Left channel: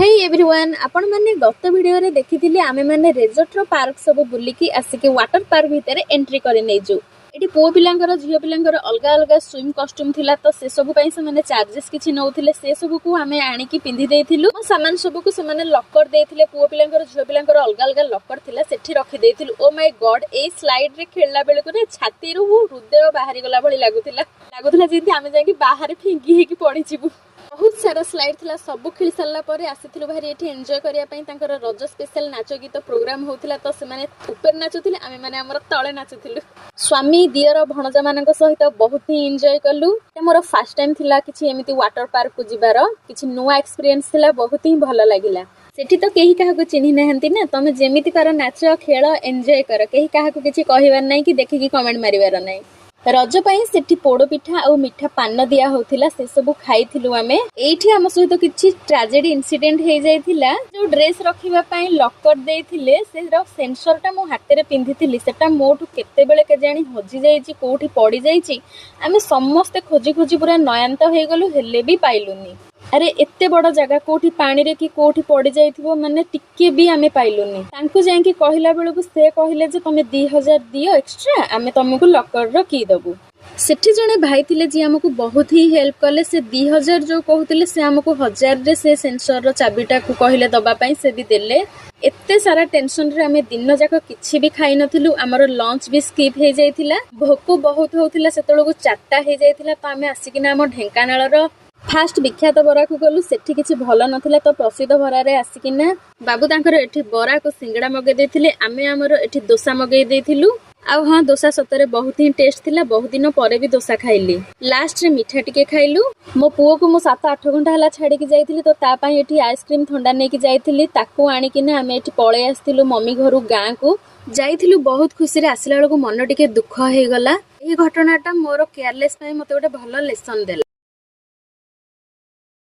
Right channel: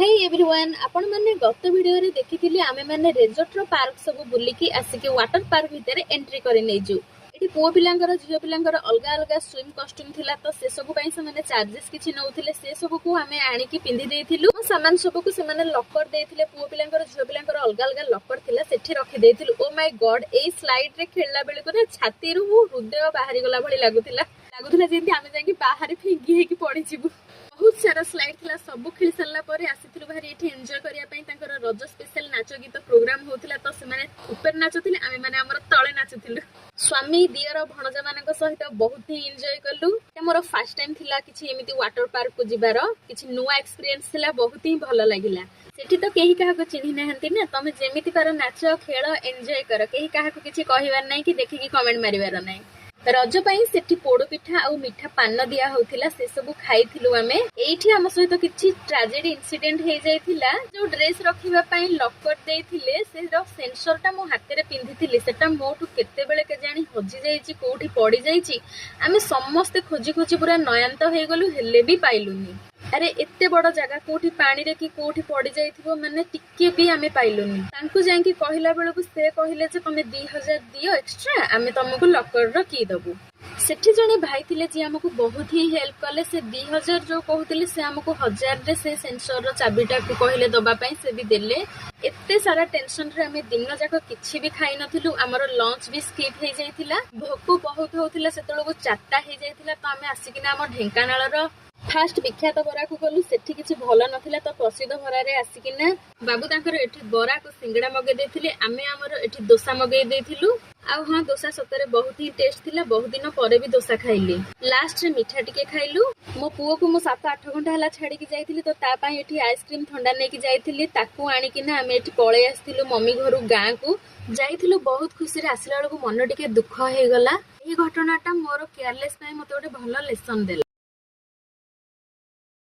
Hey everyone आपण माने गत वीडियो रे देखिथिली आमे माने रिजॉर्ट रो पार्क सब बुलिकी आसिके वाटर पार्क भीतर एंट्री करि नेजु। एटी पो पिलांकर झियो पिलांकर अलगा अलगा स्विम कॉस्ट्यूम थिला तो से सब पई से माने चार्जेस किछि नउथिले से सब को आमे आनी की पिंधि देथिलु। सामान सब को से माने लॉकर देथिले पो पिलांकर झियो पिलांकर अलगा अलगा लॉकर थिला सेठी रखि देथिलु। ओ माय गॉड ए स्लाइड रे खेलला बेले को छाती रु हृदय बाहरी गला भली लागुथिला जेंति आमे जाकी बाहर फिंगी हे की पड़ी जिबु। बहुत सारा स्लाइड थिला सब खेल सारा पर आसीथिलु भारी एठी एन्जॉय करिया पई तांकर रज स्पेशल नाच गीत प्रोग्राम होउथिला तो से माने ऊपर नाचुथिले आमे माने हमर तळे नाचुथिलु। स्वामी दियर भणजा मानक सहित बहुत ही एन्जॉय कलु। मोर फर्स्ट टाइम थिला किछि एमिति वाटर पार्क को जिबार किछि नुवा एक्सपीरियंस थिला बहुत ही भलो लागिला। सेठी तो केही काहा को चिन्हि नहंती ना तमे जेमिति कर नाच खेल एन्जॉय कर केही काहा को किछि कहिबार नै कि देखि कि कमेंट मारिबार नै। रज पई सेठी पोड़ पिठा और मिठा पान दिया होथिला से सब खाइथिलु। आमे एठी हम सहित किछि ट्रेजेडी इंसिडेंट हे जाइथिला। जो ड्रेस रखिबा पई लॉकर देइथिले से सेंसर टा मो हाथे रे पिंधिथिली सेटा मोठु केते बेले के जानी हजि जाइछि कोठी पड़ी जाइछि। आमे समस्त खोजी खोजी पूरा नयांत हे गलु हेले भी पाइलुनी। अरे एते बड़ जगह कोठी पानी रे कि कोठी पड़ी जाइथिबो माने टिके भी आमे पाइलुनी। तांको जाई कि कहिला बेले को से कहिले जे तमे 2000 दियो एक्स्ट्रा आमे तुमको लॉकर रो की दबु। सेठी जने भाई थिले जे हमको बहुत ही हेल्प कले। से 2000 जो कहउतिले से हमको 1000 रे से सेंसर रो चाबीटा को कहिले दबा पई से भी देले। एते सारा टेंशन रे आमे दिन जाक किछि भी खाइ नथिलु। हमर लंच भी स्किप हे जाइथिला। भोको बहुत होतिला सेतलो को 4टा हे जाइथिला तो आमे आसिकिना हम ढेंकानाळ रो फास्ट विख्यात बरा को गलु। सेठी किछि भलो नथिला तो प्रसिद्ध बरा रे आसिकिना बाबू तांकर एठी बरा को सिंगड़ा मगे देथिले। आमे हमर एठी डोसा मगे देथिलु। आउ हां डोसा सतरे बहुत ही टेस्ट थिला। बहुत दिन परे भी डोसा खाइली। लास्ट रे मिठा टिके खाइलु। मो पुओ को मो 7-8 घंटा हला छाडी की जाइथिली तो ता पई एठी आइसक्रीम ठंडा नै की जाइथिली। ताको आनी किना आमे एठी पळे आस्थिलु मम्मी घरु गां को जाइथिलु। बहुत खुशी रे आसिला बेले को मन टिके दुख हे गला। एही घटनाटा मोर केयरलेस पई मते गोटे भलो लेसन देला।